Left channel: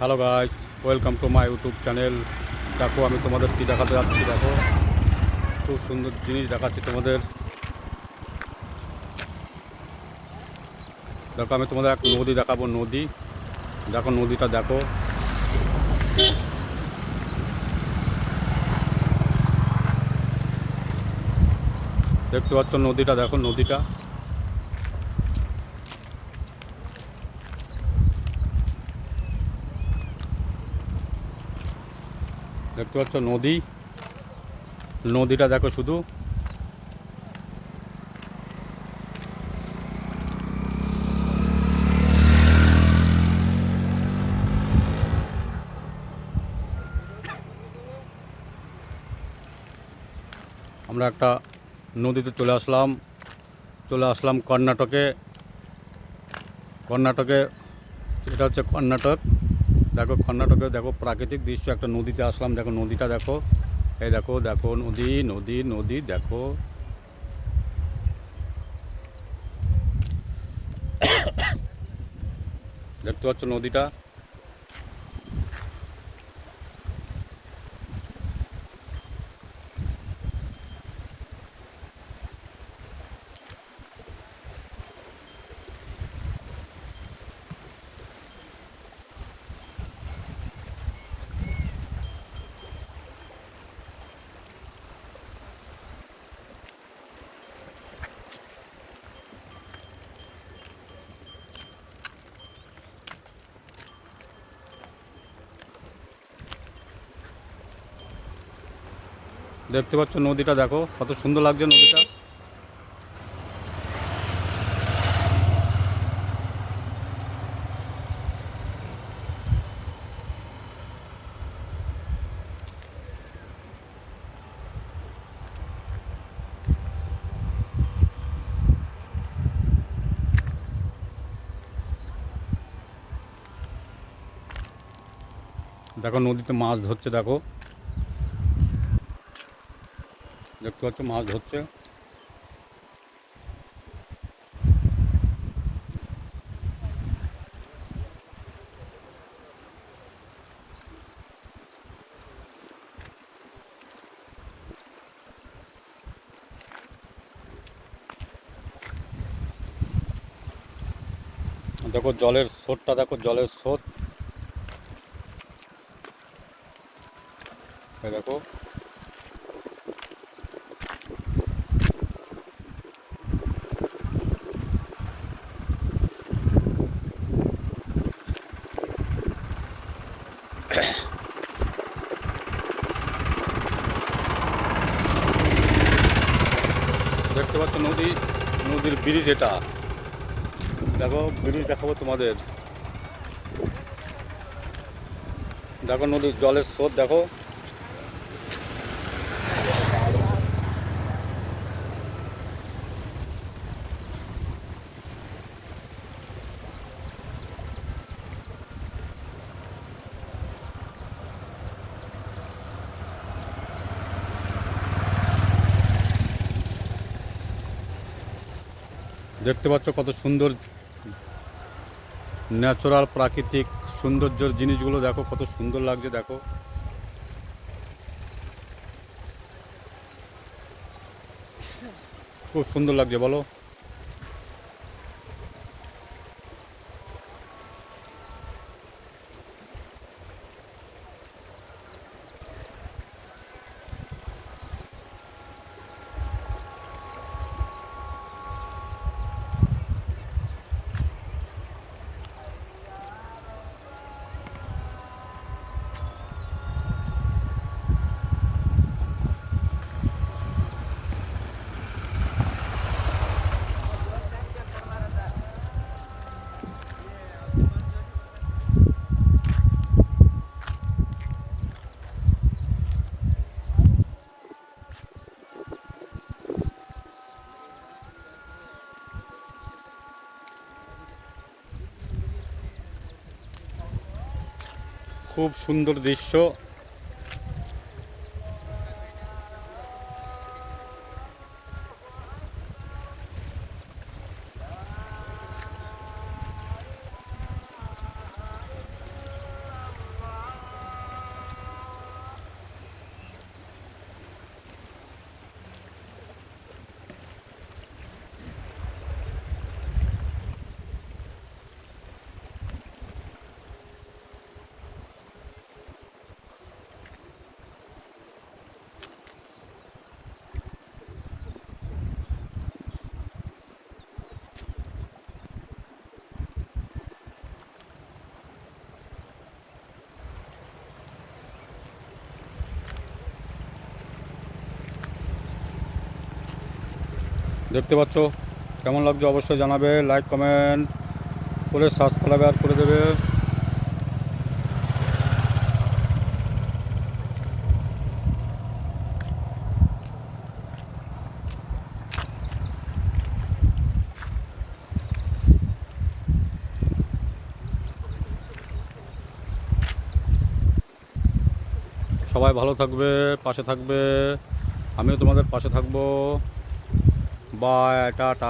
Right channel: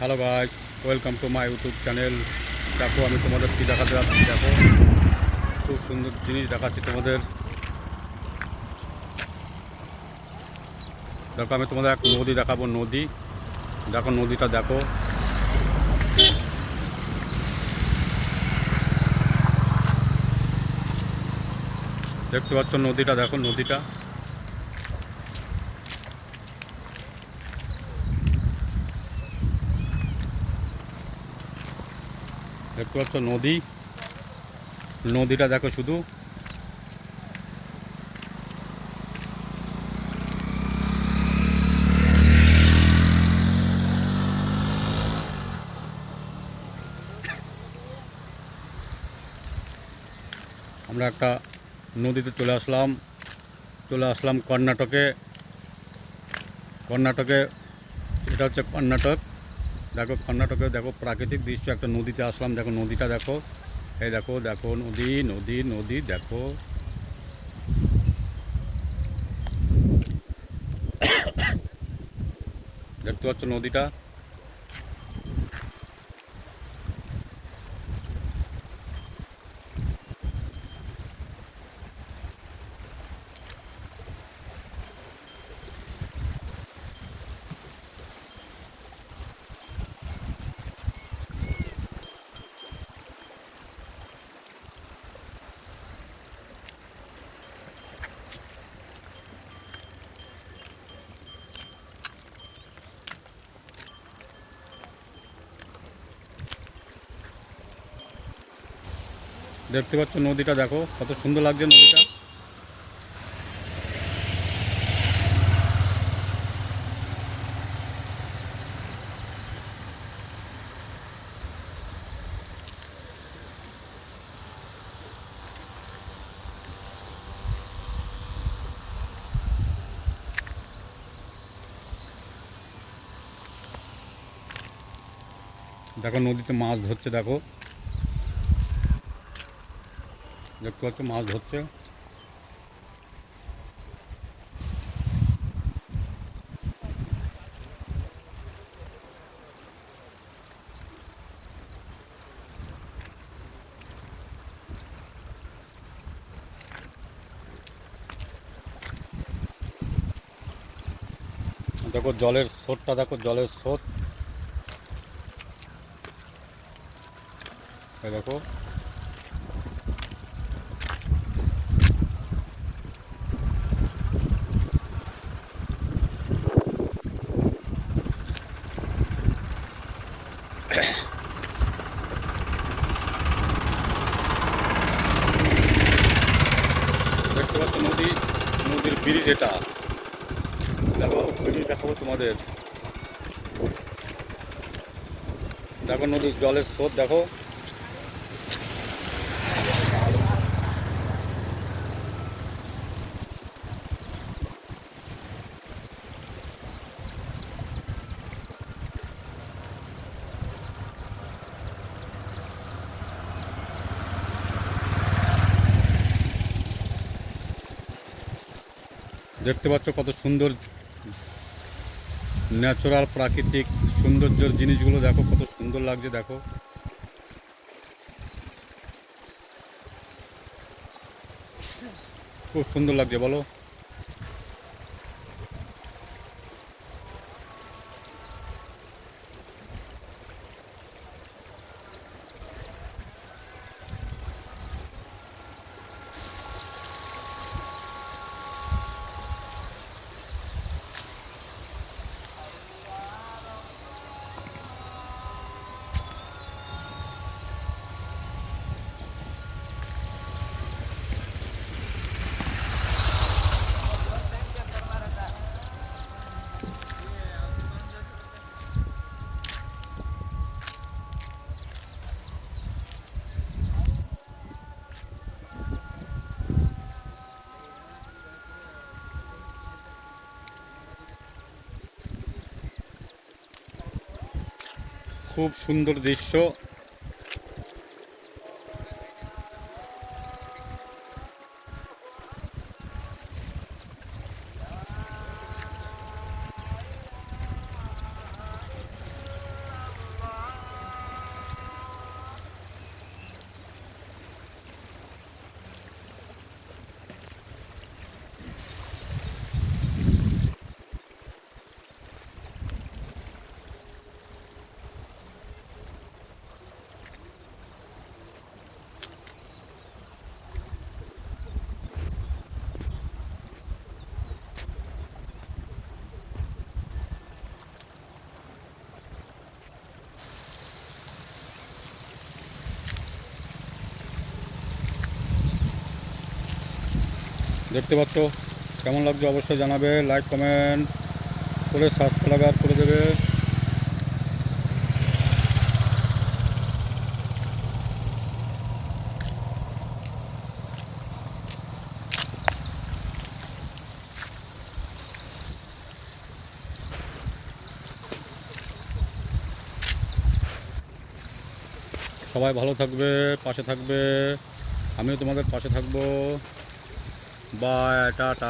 Hello guys welcome to my YouTube channel দেখো, আমি তোমাদের কী দেখাতে যাচ্ছি, দেখো। খুব সুন্দর জিনিস দেখাচ্ছি তোমাদের। দেখো, আমি তোমাদের এক নদী দেখাবো, নদী। দেখো, নদীটা দেখো। দেখতে পাচ্ছ নদীটা, দেখো নদীটা। দেখতে পাচ্ছ নদী। নদীটা দেখো শুধু। আমরা একটা নদীতে চলে আসলাম। চলে আসলাম কর্ণাটকে। কর্ণাটকে, এটা হচ্ছে কর্ণাটক। দেখো কর্ণাটকে দেখো প্রাকৃতিক দৃশ্য, একটা নদীতে আসলাম, দেখো নদীটা দেখো। এই দেখো দেখো নদী নদী নদী, দেখো। দেখতে পাচ্ছ নদীটা? দেখতে পাচ্ছ নদীটা দেখো কত সুন্দর লাগছে নদীটা। দেখো নদীতে মাছ ধরছে দেখো। দেখতে পাচ্ছ মাছ ধরছে। দেখো জলের স্রোতটা দেখো জলের স্রোত। দেখো। দেখতে পাচ্ছ নদী, নদীর ব্রিজ এটা। দেখো, ব্রিজ দেখাবো তোমাদের। দেখো নদীর জলের স্রোত, দেখো। দেখতে পাচ্ছ কত সুন্দর ন্যাচারাল, প্রাকৃতিক সৌন্দর্যের জিনিসগুলো, দেখো কত সুন্দর লাগছে, দেখো। খুব সুন্দর লাগছে, বলো। খুব সুন্দর দৃশ্য। দেখতে পাচ্ছ? কেমন লাগছে অবশ্যই জানাবে। লাইক কমেন্ট করে সাবস্ক্রাইব আর করে দেবে। সবাই ভালো থাকবে, পাশে থাকবে। আমিও তোমাদের পাশে থাকব। By tata